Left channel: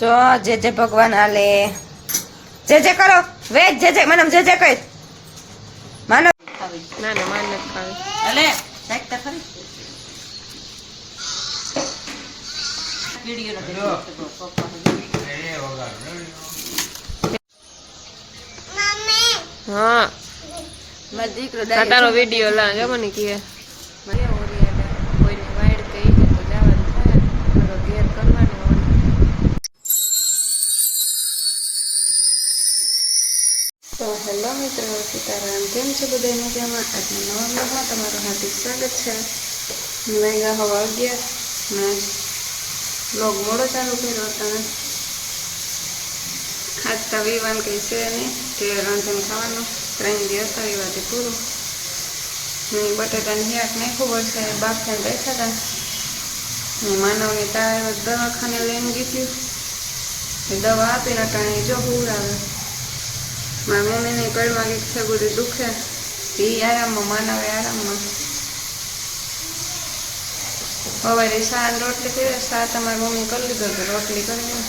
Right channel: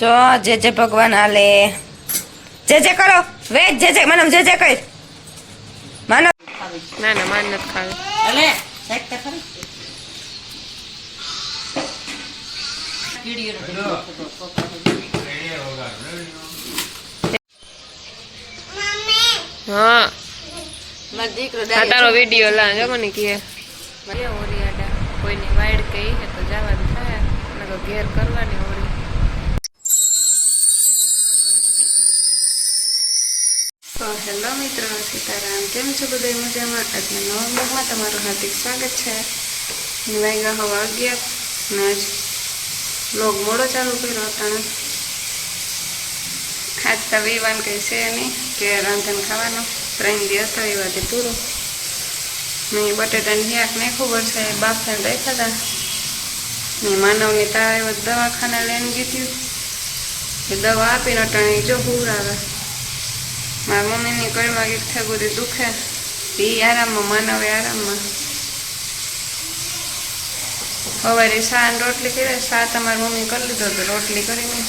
જો જે જે ભગવાન હાલે જે કરો વેજ જે મને જે કઈ માનો ના ના માન નથી ખાવી અલે સાઈડ તા ખરી વિડિયો હા દીકરો તારો વિડિયો લા જો મને કે ઓરિયાડા કોઈની વાઈડ કઈ હે તો જવાનું થાય નકર ઘેર કરવાની ઓરી. તો હેલો મિત્રો, સીતારામ. કેમ છો બધા? મજામાં? આજના નવા બ્લોગમાં તમારું હાર્દિક સ્વાગત છે. વાગ્યા હવા 11 ને આજ બ્લોગ મોડો ચાલુ કર્યો અટાણે ખાતા વિવાન કંઈ છે નહીં કે રાંધણ ખાવાનો 3 દિવસ તો વિવાથી પૂરું. મેં બટેટાની શાક નાખ્યું પડશે બાફાને રાખ્યા હતા. મેં માનવની તાવ દવાખાને લઈને ગીધું એ દવા આપીને અટાણે જો હુરાવે. મારા મમ્મીની કળમાં કંઈક થેગુરી દુખે એ આરામમાં, માનવે આરામમાં. સવારે શા ને રોટલી કરી, શા તમારી મમ્મી કરી લીધો તો રોટલી કરીને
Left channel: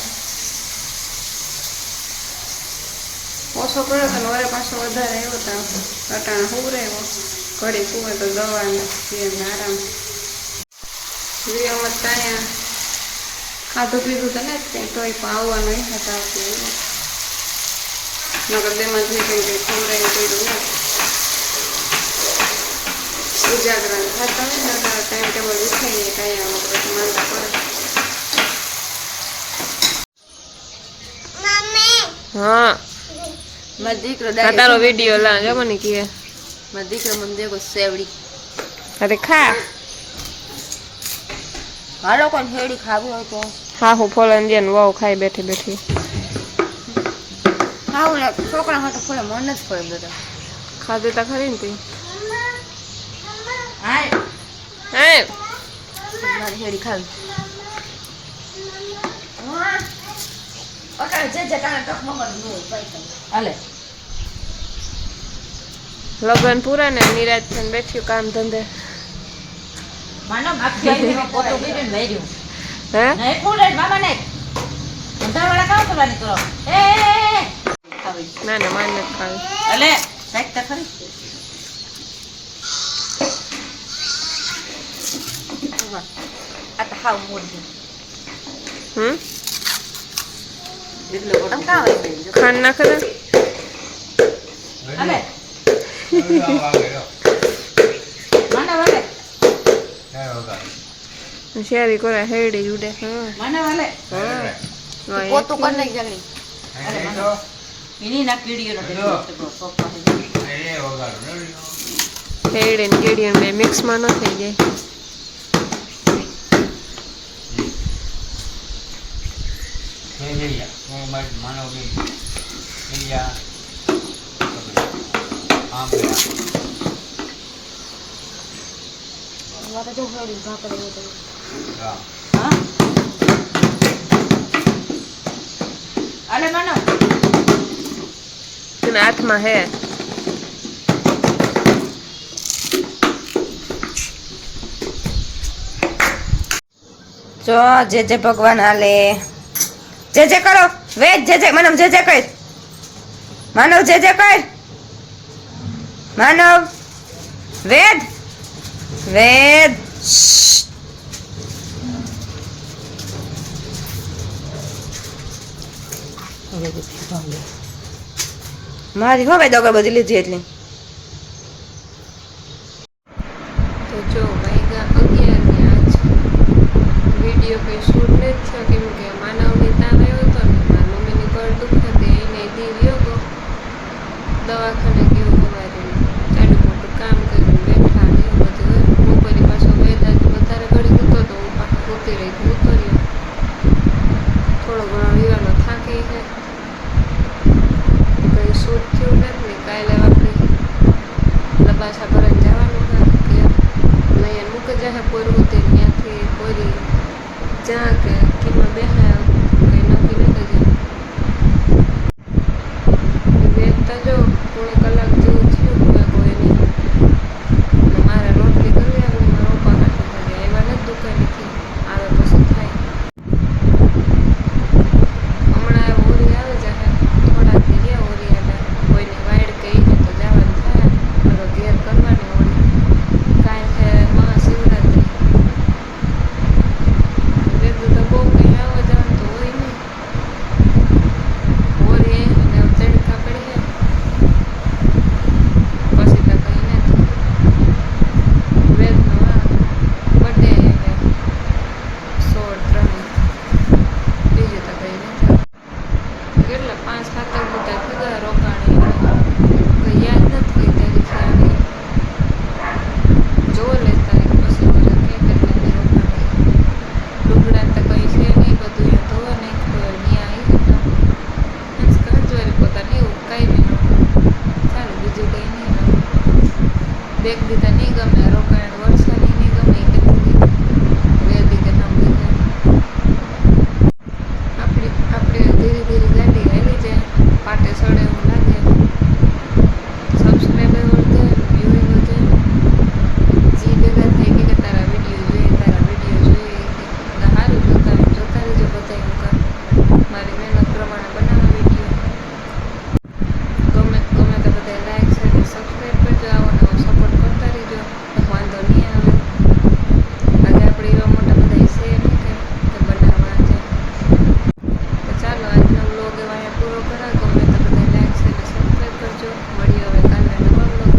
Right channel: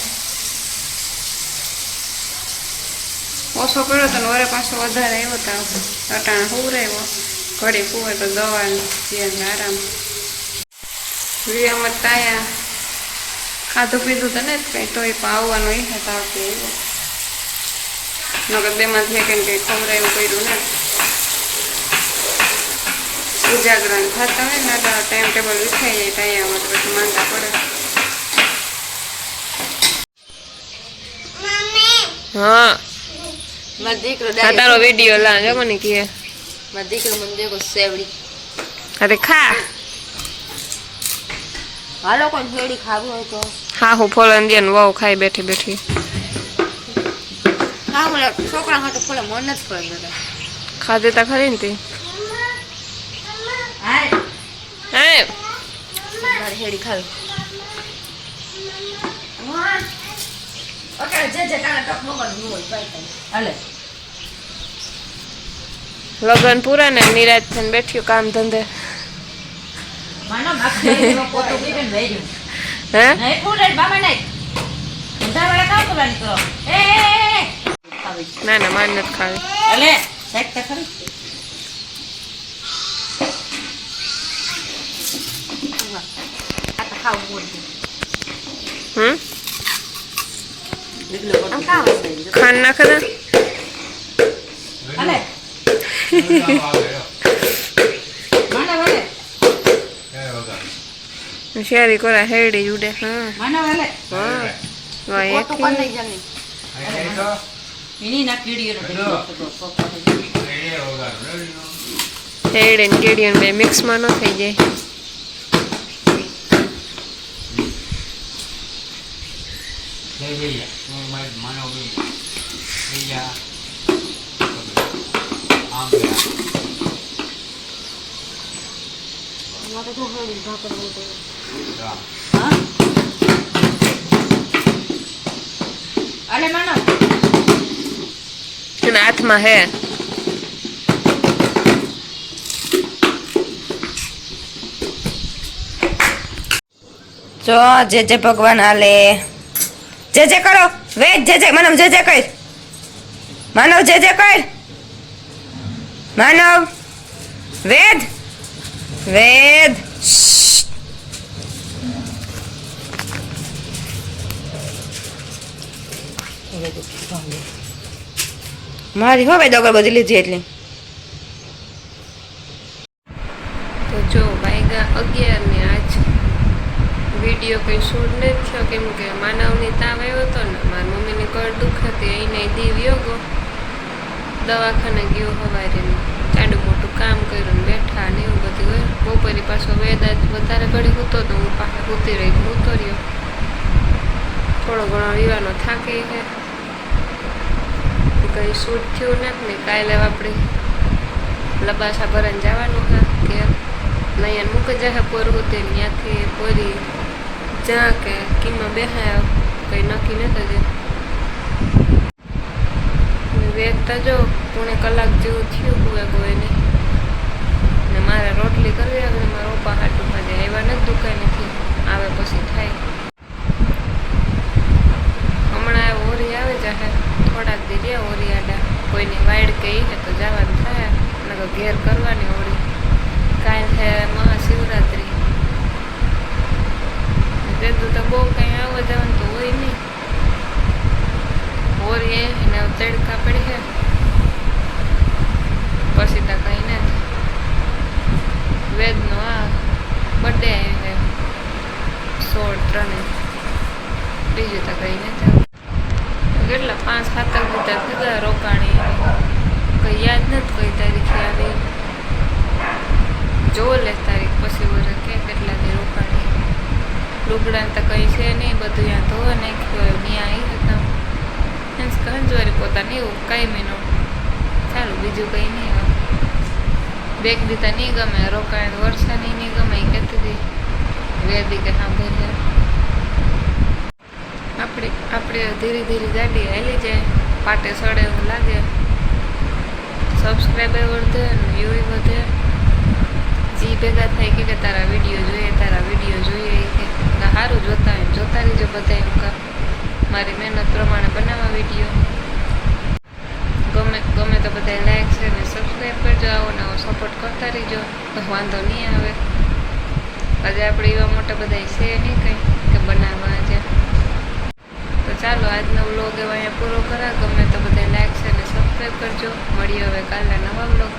ઓછો કર્યો તો વરે પાછો વધારે આવ્યો તો અટાણે હુરાવ્યો. ઘડી કુવે તો દવા આરામ. વિડીયોમાં તાયા ખાધું પીધું તો ને કંઈ તોય પણ આવવાનો એ હતા આવતી આવ્યો નકર બેમાંથી કંઈ કંઈ ખવડાવ્યું કર્યું ને ઉજાગરણ થતા હોય ને તો ટાઈમ ટેબલ વિખાઈ જાય ટાયામાં તો પછી માંદા પડે. હા દીકરો તારો વિડીયો લા જો મને કે દીકરો મને દેખો સેવડી. અરે ખા હાલો કોણ હેડી ખાવી હોય તો હા હું ફોલન દે વહુ ખાઈ બેઠી બેઠી હા છોકરા હોય તો ફોલે મન જ કરે બધા ખાધે તા ખરી ને તી હા હે હેડી ખાવી ઓકે જે કાને ટક નંબર દીવો પાઈ હાલે. લગન પૂરા ને નિરાજ થઈને બેઠ્યું કામ ધંધે. માનો માખી પોતો કરીને વેર્યું હે નહીં ફૂલે મામા નહીં અંધાવાળા કામ કરવાની કરો એ ખાવી ના ના માન નથી ખાવી અલે સાઈડ તા ખરી આ તો ખાવ મોડી આમ કાવ ખાન નાખે ને અલે માના વાલે શેરી કોરા હેડી ઉડે. હા માના વાલે હા પોતું કર લઈ જલ્દી ઇની ના કીડીઓ ન હેડી ને કેડી બે મિક્સમાં ન થઈ જાય. અલે માનો એના હાથમાં હે જો જે ભગવાન હાલે જે કરો વેજ જે મને જે કઈ માનવ જે કઈ માનવ વેદ વેદ મારી હવે દગર બધી લીધી એટલી. તો જો વાગ્યા 11 ને આજ વિડીયો કંઈ શૂટ નથી થયો કેમ કે માનવની તાવ આવ્યો હતો ને મારી મમ્મીની કળ દુખતી એને દીવ યોગો દવાખાને ગયો સવારે ચાડું મોટું કામ કર્યું ને બેઠા ને એવું બધું હોય. બપોરે પાછો વેદાજ વધારે ઘડી હતો તો હું પાછો ઊભી રહી ઉતર્યો. થોડો ઘણો વિવાનો થાકી છે કંઈ શૂટ થયું નથી ને કાલે આપણે લબાસા ભરાઈને જવાનું છે કે નયન મૂકી જાય પોરવું તે ત્યાંથી પોરી જ્યાં કે કિંમત બેહાય કંઈ નક્કી નથી થયું. વેચતા જો 3 કલાક જેવું થયું કોઈ નહીં ને મારે રોટલી કરવી આગળ મારા પપ્પા હાટું ખાલી આવ્યા નથી દુકાનેથી આવે પછી થાય. આવવા જવાનું તો હોય નહીં. હોરી એને તડકા પડી છે પછી તો કંઈ નથી. વેદનો આ બર્થડે છે 16/3 બીજું તો કંઈ નથી. કેટલા 5-7 બધા ભેગા રોકાણી કંઈ યાદ નથી કઈ તારીખે આવી જોવો લે તારીખ પછી વરે કે કેટલા દી રોકાણી. લુગડા તો કંઈ છે નહીં, બધું ત્યાં ધોવા નાખ્યું ત્યાં આવી હતા મીન્સ કે હંજવારી પોતાને એવું કાંઈ મહિનો ચાલુ બીજું કંઈ નહીં. બેગ દીધા નહીં ગમે રોકાણ વરસાદ નહીં ગમે એ કહેતી હતી વેદી કે સાંભળી જાય. આપણે ધીરે ધીરે ગાડી હાલી જાય પાટે સડે એવું લાગે. સબસ્ક્રાઈબર વધે વ્યૂ વધે. એ ભેગા થાય કે તારા વિડીયો જોઈએ કે સારું જોતા રહીજો બધા એમ કામ મારી મહેનત પ્રમાણે બનાવવા વિડીયો. ગમે તો બધા લાઈક છે ને સબસ્ક્રાઈબ કરજો. આવો નવો સપોર્ટ કરતા રહીજો વાંધો નહીં આવે. આજે આપણે એવા મોટા બધા છે નહીં કંઈ કે બનાવવા છે. તો ચાલો આજનો વ્લોગ એવા અહીંયા પૂરો કરા. ગમે તો બધા લાઈક છે ને સબસ્ક્રાઈબ કરજો. મળીએ હવે કાલના નવા વ્લોગ